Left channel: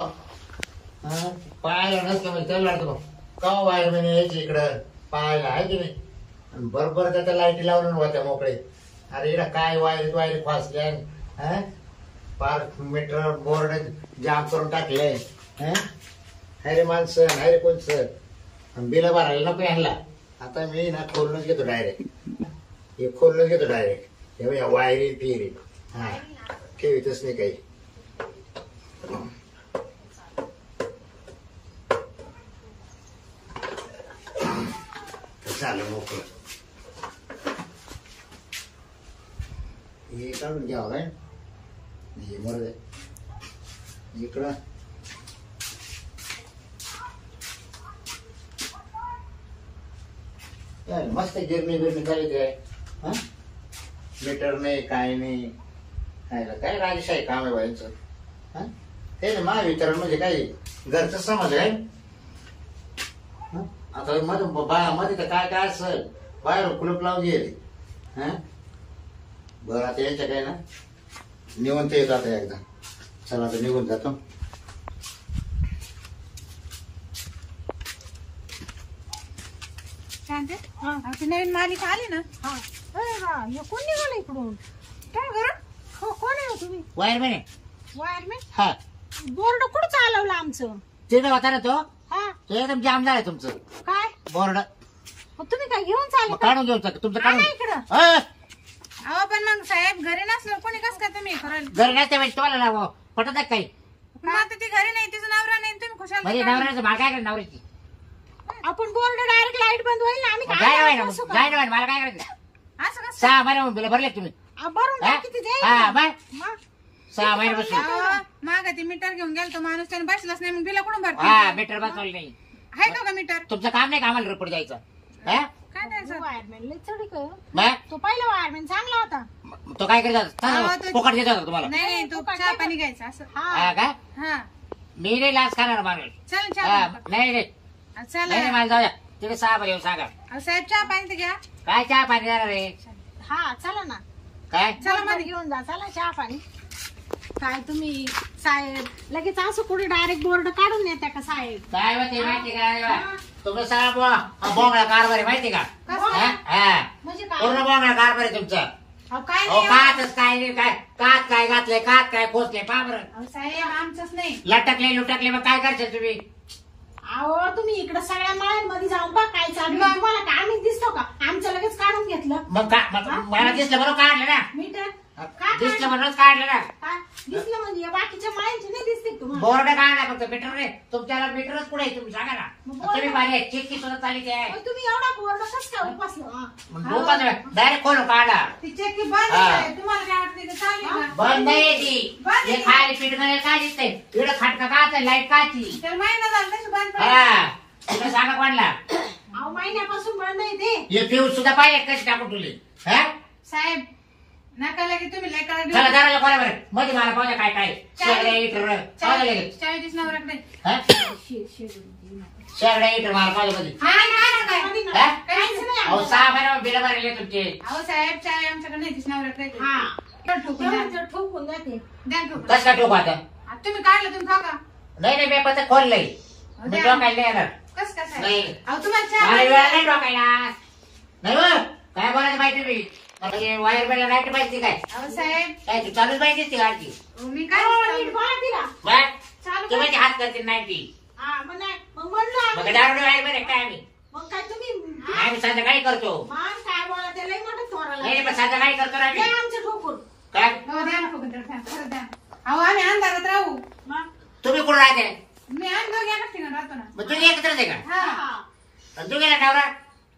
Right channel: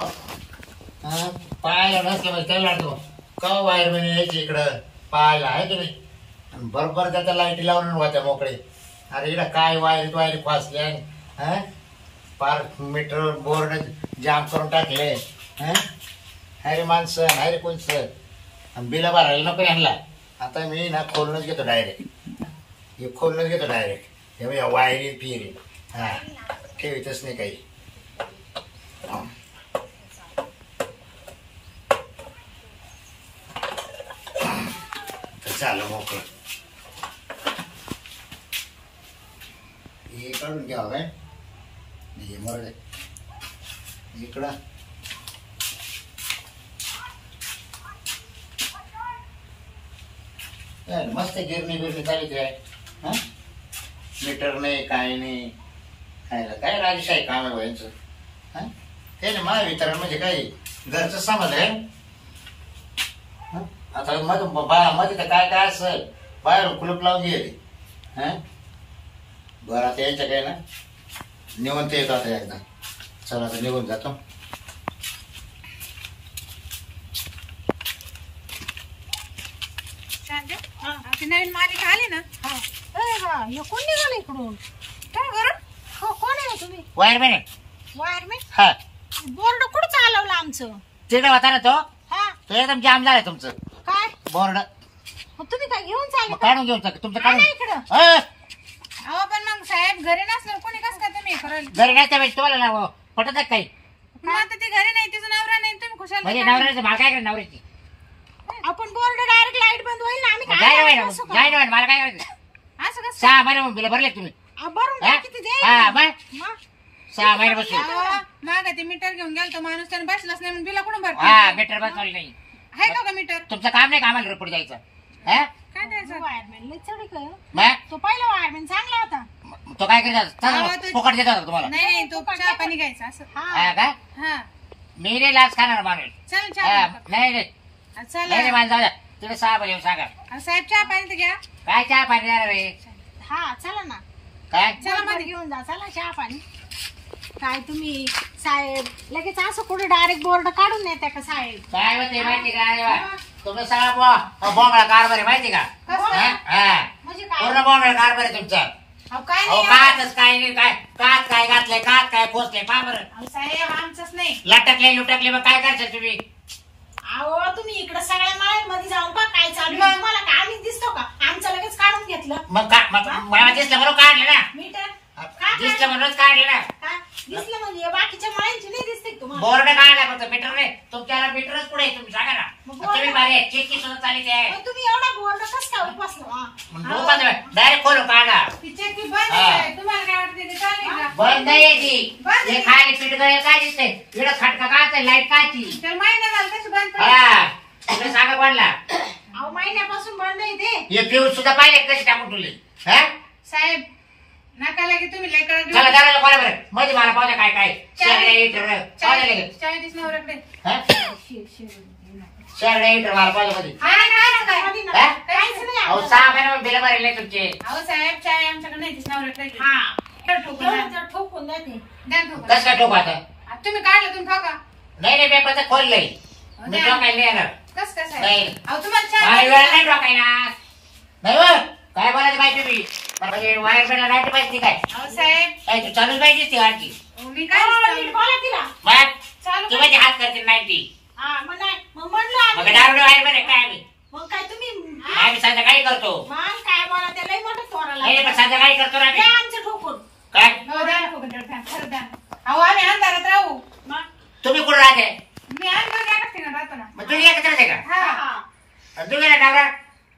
हा पाहायला नसलं म्हणजे त्याला लागतो का वायरमॅन यायची इकडं पाहायला आहे की नाही. आणि बरोबर त्याच्या लाईटी लावून होत्या मोकळे. अरे इकडं काय वायर वायर फासले हा पार मीटर बोर्ड जाम करून टाकले. अरे माणसं अरे कोण सर आणि बिलं भरायला नको यांना. आता मी ना खोलूनच घेतो डायरेक्ट. हे खोलूनच घेतो डायरेक्ट. हे वायरी फिरी हा ठेवीतच नाही काही. झालं मोकळं. हे काढून घ्यावं काय हे बरं इकडं मस्त गिरणी बिरणी झाली काय. हा मीटर नाही काय नाही खायला काय राजेशाही काम आहे व्हायचं. हा ते ना महावितरण म्हणजे काय घरचं समज आहे. आता मध्ये तर काय काय असेल बाहेर कुलूप लावून गेले. हा बरं आता यांच्या काय ना निवंत येतो आता एकदा. चला आता निघून जातो. ती नवीन मालिका आली ना. कोण निघालं इकडून काय करून. हो कोण आहे तुम्ही. वायरमॅन आहे. वायरमॅन. हा बोर्ड कुठं चालवलं आमचं. तिकडे होता ना तो. हा तो एकदम जाम झालाय तुमचं काय बोर्ड. मग तुम्ही काय घेऊन चालले काढून घेऊन तुमचं काढून इकडं. अहो पण मग साहेब घरी नसलं कोणी कसं काय तुम्ही कराल. घरी नसते म्हणजे तुम्हाला ना पटत काही. मग आता ती घरी नाही तिचा नवरा नाही तुम्ही खुशाल म्हणजे नवऱ्याचं मला काय करायचं नवऱ्याची. आपण बोर्ड डायरेक्ट लाईट बंद होईल ना आम्ही जाय ना मला काय करायचं. असं कसं 6 महिने बिल भरले तुम्ही. भरून किती हा मग 6 महिन्यापासून माग ते मीटर घेऊन गेल तो माणूस त्याने बसलाच नाही मग बिला कोण भरतो. हा मीटर बसवलं नाही आहे का मीटर. तुमचं काम नाही का आम्हाला रिपोर्ट द्यायचं. काय द्यायचं वायरमॅन लय चढी काय मग तो पहिला वायरमॅन चांगला होता. तो काय करायचा फुकट देत होता तुम्हाला. नाही तो चहा पाणी घ्यायचा असं. हा काय हा मी नाही लाच खाणार माणूस. चल नाही नाही चल नाही मला जाऊ द्या. तिथे 6 येऊन सांगा साहेब चहा पाणी तर घ्या. काय चहा पाणी देणार रे. हा चला ना काय चला मध्ये घेऊन जा. चला चहा पाणी. काय तुम्ही साहेब लगेच असं कुठे डायरेक्ट बोर्ड काढून येते का साहेब. काय होते माहिती का तुमचा सगळा बोंगळा कारभार आहे माहिती का. म्हणजे पूर्ण बोंगळा कारभार आहे तुमचा. काय काच काय नाही काय काच काय घातले काच काय पोचले पा बरं. साहेब आमचंच नाही लटकले लुटकले मग काय करशाल तुम्ही. अहो तुम्ही इकडे सगळ्या माळ्यांमध्ये जाऊन बघ काय चालू आहे. मला का आम्ही दिसतो का आमचं लगेच काढून घेतलं. मग मला दिसलं म्हणून काढलं ना. मीटर दिसलं म्हणूनच काढलं ना. काय दिसलं म्हणजे बाकीच्या माळ्यांची नाही दिसते तुम्हाला. बोर्ड काढला फक्त मीटर नाही तुमच्याला मीटरच पुढे तुम्ही सांगा ना. तुम्ही पाहिजे चिटकी सुद्धा चालली आहे. तुम्ही एवढा बोर्ड कसं काय बसलो. डायरेक्ट खोलून काढा. तुम्हाला काय वाटतं बंद आहे ती. हे खाली पीठ गळे काय दिसतंय इकडं खटका काय लाईट काची. हा तुला सांगा कोणला. अहो महिन्यापासून बंद आहे ते. हे फ्यूज सुद्धा पाहिजे कशी टाकून ठेवली. साहेब नका लगे तुम्ही चला दराला कोणा बरं मध्ये मला पाहू काय काय शेगड्या इटर पाहिजे लगेच. 40 नवऱ्याकडे शेगड्या इटर मला पाहिजे मध्ये. अहो 6 महिने बिल भरले तुमचे. अहो साहेब चाय आमच्याकडे नाही दिस नवऱ्याकडे. ठोकून जाते कसं काय ठोकू आता. तुम्ही काढलं तुम्ही ठोका. नाही नाही मी पत्र खोललंय मी ठोकायला नाही येणार. कसं कसं नाही अहो तुम्हाला मला चहा वेळ नाही ठोकायला. नाही हो काय बोलायचं पाहिजे तुम्ही. वायर बेला नाही पाहिजे काय. अहो साहेब काय तू चालूच पाहिजे ती आणखी. मी काय बोला तिला चालू तुम्ही ते हात करते नाही ती. मग म्हणलं मग दारू वायर बेला काय आम्ही. मग काय तुम्ही आम्ही संध्याकाळी करतो. मग काय बोला त्याला मोठं तोराला. नाही पण संध्याकाळी करतो ना आम्ही. आमचं ठोकून काय अहो आम्ही अंधारात राहू. तुम्ही कुठं राहते. मी राहतो ना. मग तुम्ही एकत्रच आहे का. हा तुम्ही ना नवरा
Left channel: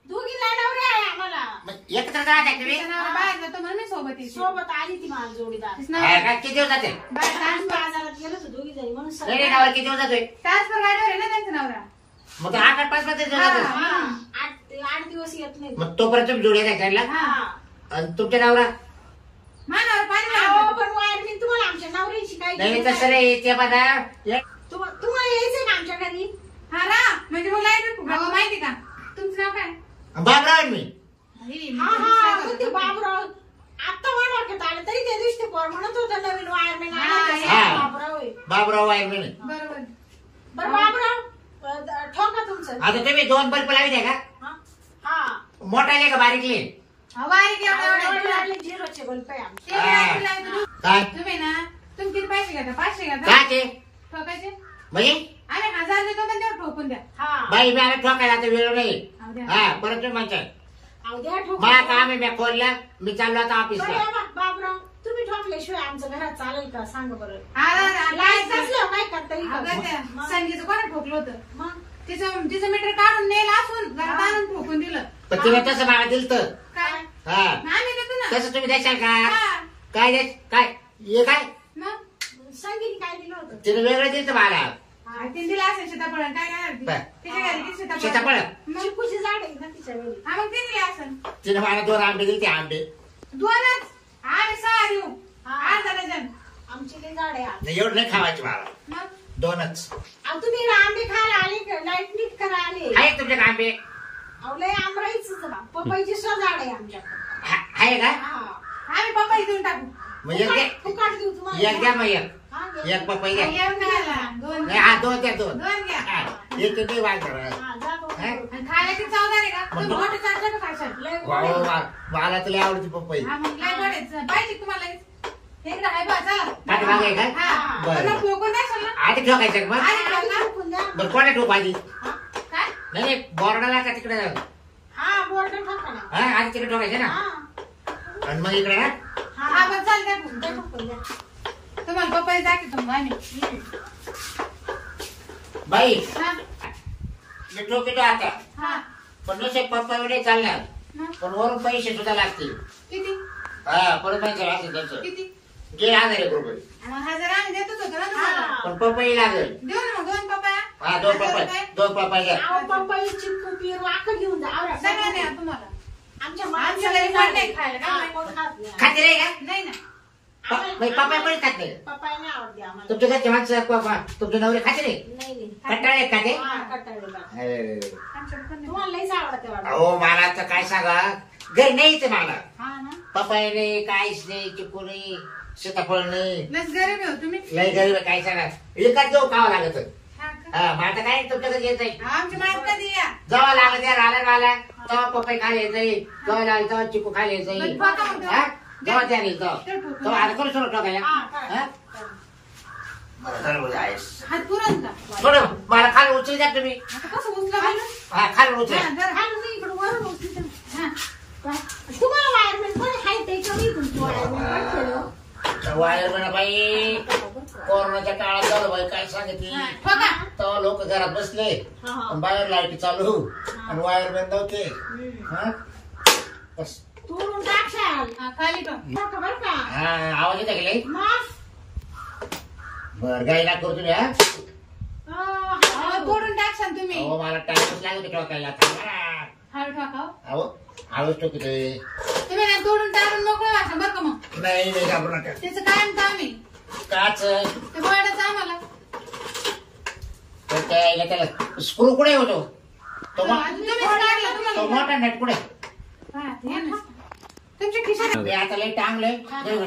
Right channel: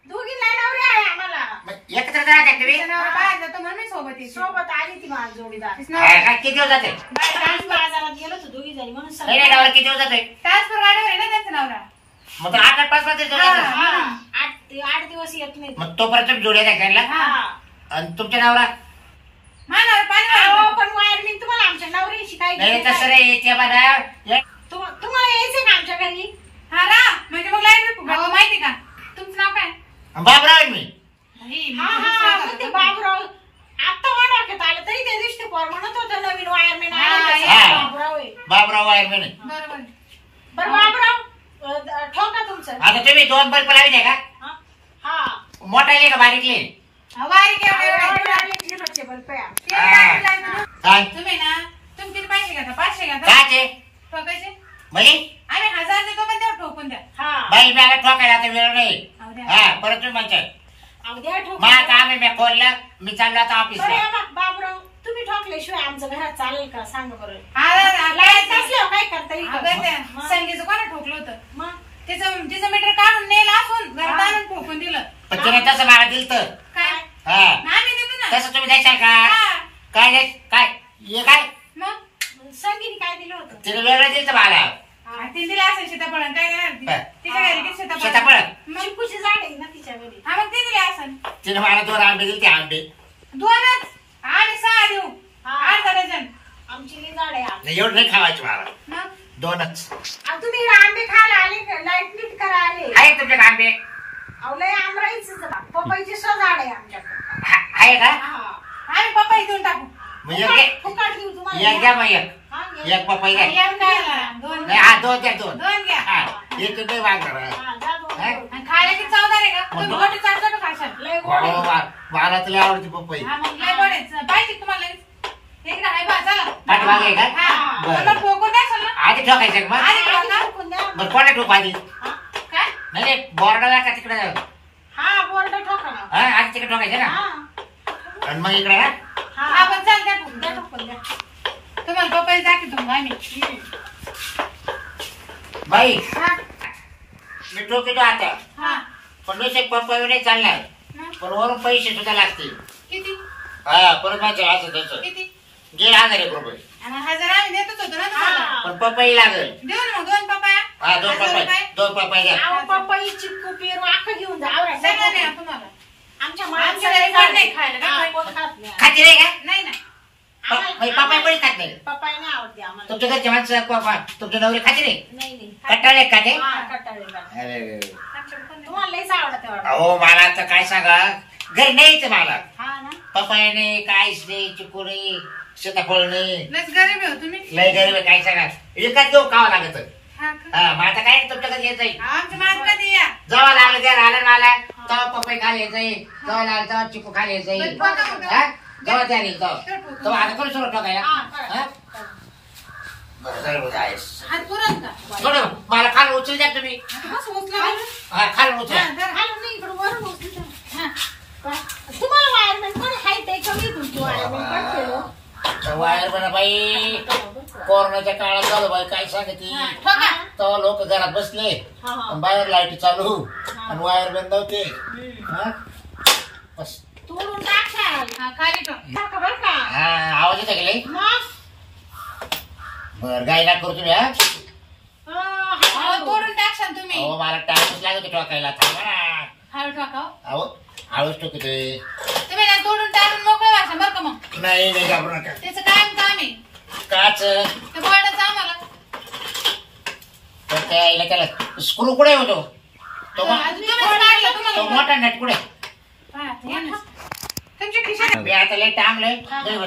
दोघी नवरे आहे आम्हाला. एकत्रच राहते तुम्ही. बाहेर जातो म्हणून सोबत आली ती माझी जोडीदार. काय किती दिवस जाते. बाजारात गेलो होतो दोघी जणी म्हणून नाही नाही नवरा किती दिवस जाते. ट्रान्सफर गाडीवर आहे ना त्यांचा नवरा. मग तो 8-5 दिवस जातो. 8 दिवस येत नाही. मग तोपर्यंत तुम्ही जोडी द्या खायला. आणि तुमच्या नवरा पण वायरमॅन तुम्हाला आमच्या नवऱ्याची काय नाही तसं रे ते बघा. तुम्हाला यायचंय का आमच्या घरी. हा रा म्हणजे मग लाईट माहिती का तुमचं नाव काय. बाबराव मी. ते बाबराव आता वाढवण्यात आलं तरी त्या दिवशी पोर म्हणत होतं नवीन वायरमॅन बाबराव बाबराव वायरमॅन आहे. बरोबर. बरं बाबराव ठोका तुमचं. आता तुम्ही 2 बल्ब लावले का? हा मोठाले का बारीकले? बारीक एवढे झिरोचे बल्ब आहे आमचे. काय तुम्ही ना तुम्ही किती पैसे घेता? 500 घेता काय ते ठोकायचे. म्हणजे आम्ही 1000 देतो पण तेव्हा ठोकून द्या. हा बाई मला ठोकायला आता वेळ नाही. अहो द्या. हा परत तुम्ही म्हणता अहो द्या ठोकून. मला काम आहे, मी खोललं, मी चाललो आता बरं ऑफिसला. या बा, बाबराव तुम्ही ठोकल्याशिवाय आमचं घरात चालेल का सांगा बरं. लाईट लाईट नसल्यावर काय करता येईल का? मग? संगीचं कोणा ठोकलं होतं? मग तिचं मीटर काढून नेलं असून घरात आणून ठोकून दिलं. पण तिने तसं मला दिलं तर काय? हा आम्ही देतो ना. तसं तुम्ही द्याल का? हा. काय द्याय काय हे काय मग संगीने काय दिलं होतं? तिने वेगळं दिलं मला. ते दिलं असेल सीताफळ. काय देणार ती? काय? तिच्या घरी किती सीताफळ? सीताफळ? मग चिंकूची झाड आहे ना तिच्या घरी. हा मग ते दिले असेल. तिने मला 2 आंबे दिले, ते आंबे 2च. आम्ही 6 देऊ. 8 डझन. आमची लई झाड आहे आमची. नाही, एवढं नाही खावायचे मला, मग 2च आणि तुम्ही इकडे आंबे खायला आले का? लाईट नीट करा आले. आहे तुमच्याकडे आंबे? अहो लय आमराईच पपईची झाड आहे आमच्याकडे. आहे का? हा. आम्ही पपई देऊन टाकू. म्हणजे फुकट देऊ तुम्हाला. एक घ्या मग एक हा, घ्या. एक पपई घ्या. एक खायला. 2 नाही, हा 2 द्या 2. 2 घ्या. हा एक तुम्ही वागणार. हा, जा दोन हा? दोन. आणि खायला किती चवदार आहे का? तुम्ही मग? गोटी चाटचाट खाशाल. लय गोड आहे. हो, मला तुला आवडती पपई. हा मग लय गोड आहे. पाहिजे तुम्हाला इकडे आहे बा चला. पाठीमागे आहे का? हा. बरं. तुला ठोकून द्याल ना? आधी ठोकायचं का मग? आधी आधी ठोका. ठोकून द्या. बरं कोणा ठोक आधी? हा? काय? नाही नाही बॉर्डरला का तिकडे हा बोर्ड ठोका ना. हा आधी तिकडे ठोकायचं ना. हा. आणि मग इकडे ना हा पण चाल द्या ठोकून. द्या ठोकून द्या. तुम्हाला पपई दाखवतो मग आम्ही. बाई हा. मी ठोकतो आता, हा. पण नुसते पपई नाही चालणार, मग पण वरून पैसे सुद्धा लागतील. किती? हा परत माझं असं तसं किती? 1,500 रुपये. आणि 1000 आम्ही देतच होतो ना तुम्हाला. हा. पण पपई लागेल. देऊ ना मग 2 पपया. हा 2 1000 पपई रुपये. 2 पपई द्या. अहो, पपई चिंकू पेरू अख्खं घेऊन जा. आवरा. सगळं द्या तुम्हाला. आमच्या आमच्या घरी कोण नाही खायला का? हा, कोण खात नाही. खाते नाही का? नाही ना. पपई पण खात नाही. पपई नाही आवडते आम्हाला. तुमच्या घरचे माणसं तुमच्या नवरे खाते नाही? नाही नाही. कंटाळले का ते? हा, कंटाळलेला. अरे, अरे, अरे. आमच्याकडे पण नाही. तुम्हाला लईच आवडते वाटतं. अहो मला आता काय सांगा, घरी नाहीच मला. हा ना. पपई नाही, काहीच नाही, चिकू नाही, सीताफळ नाही. लस गरीब आहे हो तुम्ही. लय गरीब आहे, काय सांगा, एकाच घेऊ खावं लागत. हा का? हा मग आता काय तुमच्याकडे येत जाईल. आमच्या मात कधी या. जेव्हा लागलं त्या राहणार मला तेव्हा पपई खायला यायचं येईल, जेव्हा लागलं तेव्हा चिकू खायला यायचं येईल. बरं, बरं, बरं. हा? जेव्हा त्या येईल तेव्हा आता कोणी सुरू टाका या. हा, करा. हा? बरं झालं बरं आहेस. हात पुरण का? थोडं मला खाली उचल द्या तुम्ही. आता कसं उचला बरं? हा खाली उचल. हा, जरा. खालून नाही, इकडं वरून उचलू द्या. हा. तुम्हाला वायरमॅन कोणी हाईट आहे कमी तुमची वायरमॅन काय केलं? वायर बना बाई, कोरोनाच्या काळात झालं बाई, काय सांगते. हा, ठोका. तेव्हा लोक घरात बसले हा, हा. आणि बाहेर लाईट चालू हा. आणि वायर बंद नव्हते. हम्म. हा? बस. तोडून टाकाल. हा, खाली ठेव. टाका बरं का? हा आवाज येते गेले. मग बर गाय ना करू तुम्ही. हा अहो, तोडून टाकशाल तुम्ही. अहो मला टाइमच लागत होता ठोकायला. थांबा ना. हळू ठोका हो. अहो हळूच ठोकते. तुम्ही ना तोडून टाकून मोकळे वाचा बरं का मग. नाही नाही घाबरू नका. त्याचं कायम काम आहे. काच ते बर्डाचं आम्हाला. तर काय त्याला स्क्रू कुठे होतो तो तुम्ही काढला तो तुम्हाला. मोठा नेट कुठे. हा, ते आहे ना. तुमच्या खिशात. मी आता लय टांगलंय.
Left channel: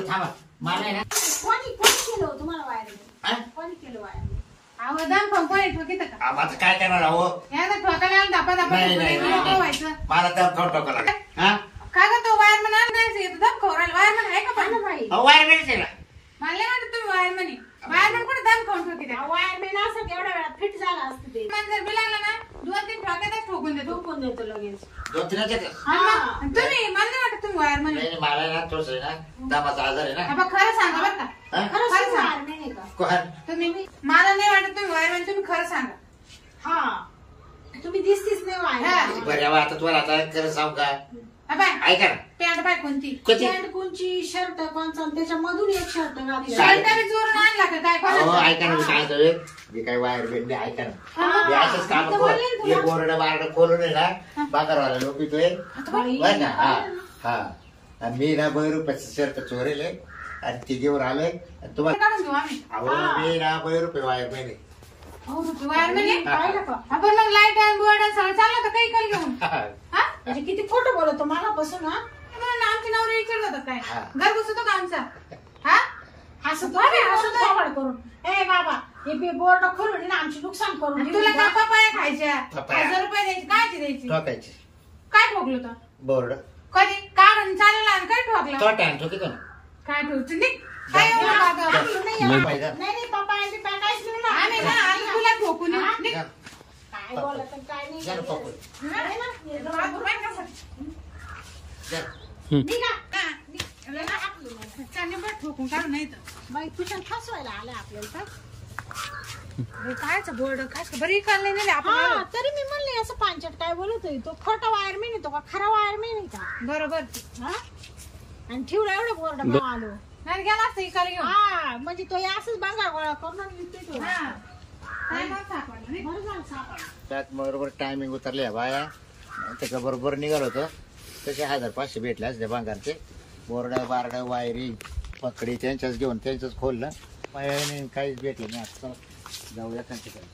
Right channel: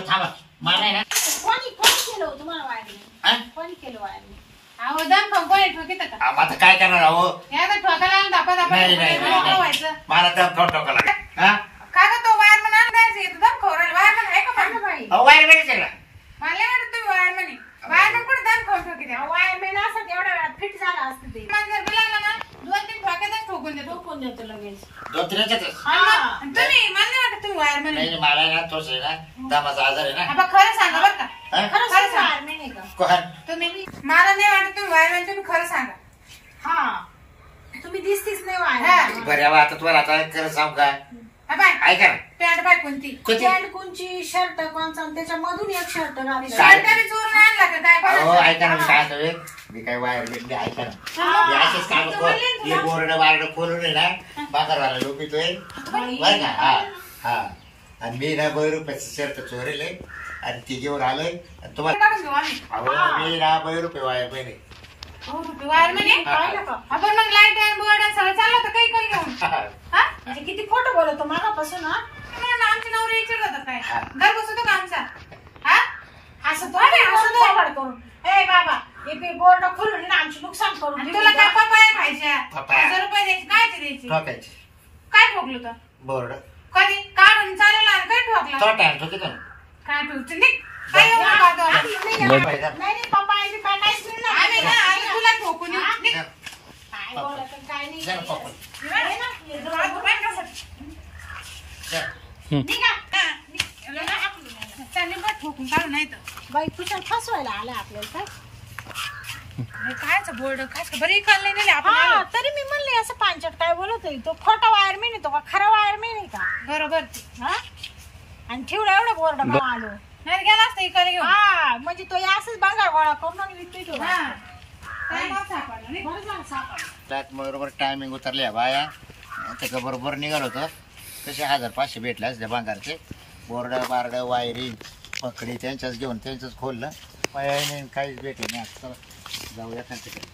थांबा मला आहे ना. कोणी केलं हो तुम्हाला वायरमॅन? हा? कोणी केलं वायरमॅन? अहो दम कोणी ठोकीत का? अहो, आता काय करणार अहो. या तर ठोकायला आलं धापा धापा नाही नाही मोकळं नाही. व्हायचं. मला दम खाऊन टोका लागेल. हा काय का तो वायरमन आणायचं येतो दम खोरायला. वायरमन आहे का हा पण? ना बाई. अहो वायर भेटते ना. मला नाही वाटत तुम्ही वायरमन आहे. वायरमन कुठे दम खाऊन ठोकीत आहे? वायरमॅन असं तेवढ्या वेळात फिट झाला असतं ते. मन जर बिलाला ना 2-3 ठोक्यातच ठोकून देतो. ठोकून देतो लगेच. 2-3 याच्यातच. हा. आणि तुम्ही मला नाही वाटत तुम्ही वायरमन नाही आहे. नाही, मला आहे ना थोडस आहे ना दमाचा आजार आहे ना. आपण खरं सांगा बरं का. हा? खरंच खरं सांग. वायरमॅन आहे का? कोण? तुम्ही मला नाही वाटत तुम्ही वायरमन. तुम्ही खरं सांगा. हा. तुम्ही दिसतीच नाही हा. वायरमॅन. बरं यावं आता तुम्हाला आता खरं सांगू का. हा बाय. ऐका ना. पॅन्ट बाय कोणती? कोणती? पॅन्ट कोणची, शर्ट कोणचा आणि त्याच्यामधून एक शर्ट घातला. काय? शर्ट बी चोरून आणला का काय अहो कोणाचा? ऐका ना मी काय होतोय. मी काय वायर भेटले ऐका ना. हा. मी असंच काम तर बोलले ना तुला. बोरड वारड खोलून आहे ना बाजारवाला लोक पितोय बरं का. हा हा आणि मी ना 2 रुपयाचं शर्ट चोरेले आणि ती घेऊन आलोय आणि तुम्हाला काढून घेऊ आम्ही. अहो मी ना 2 रुपये वायर पहिले. हो, वायरमन आहे? पाहिलं का? आपण मग लाईट आणि बोर्ड आणि सगळं चाललं होतं काही काही घेऊन. हा? म्हणजे किती फोटो बोलवतो मगापासून. हा तुम्हाला आमची नवरी विचारत होता काय? हा. घर बसवतो का आमचा? हा? असं तो आम्ही हसतो. थोबाड करून ए बाबा हे बोर्ड खोलून ना आमची नुकसान करून आणि दिली तुला का? काय पपाया खायच्या पपाया. 1000 रुपये द्यायचे काय ते द्यायची ठोकायची काय ठोकलं तर बोर्ड कधी काढून चालेल आणि काय ठोकला तो टाइम ठोकी ना काय ठेवतो निघ काय एवढं बाबा? आम्ही नाही नाही पप्पा आणि काय काहीच नाही ना. आम्ही ना आम्ही तुला ठोकून येऊ. निघ. काय बोलत आणि काय नाही जरा पकड. आहे ना? हे जरा बाबा, बाय कसं? निघा. हा, निघ. लगा हाकलून आला. चालेल बा, ठोकून काढू नाही तर बाई तुझं फसवायला आला आपल्याला काय कायचं बोर्ड काय बरी काढले नाही आपण हा आलो. तरी मी म्हणले असं पांचट काय बोलतोय तो खोटा वायरमॅन आहे तो का खरा वायरमॅन आहे का बरोबर हा आणि ठेवला एवढं बोर्ड मग आलो नाही गेला असतं इकडे घेऊन हा म्हणजे तो असंच बंगार गोळा करून आणि विकतोय तो हा. काय नाव सापडलं नाही? बरं झालं सापडलं. त्यात बरोबर टायमिंग उतरल्या बाया त्याच्या बरोबर निघाल होतं तसे 1500 भेटले असते भांगारचे बोर्ड बारड वायरिंग पकडी त्यांच्याच घेऊन त्यांचंच खोललं पाया नाही काहीच भेटलं नाही आता चला, जाऊया त्यांच्याकडे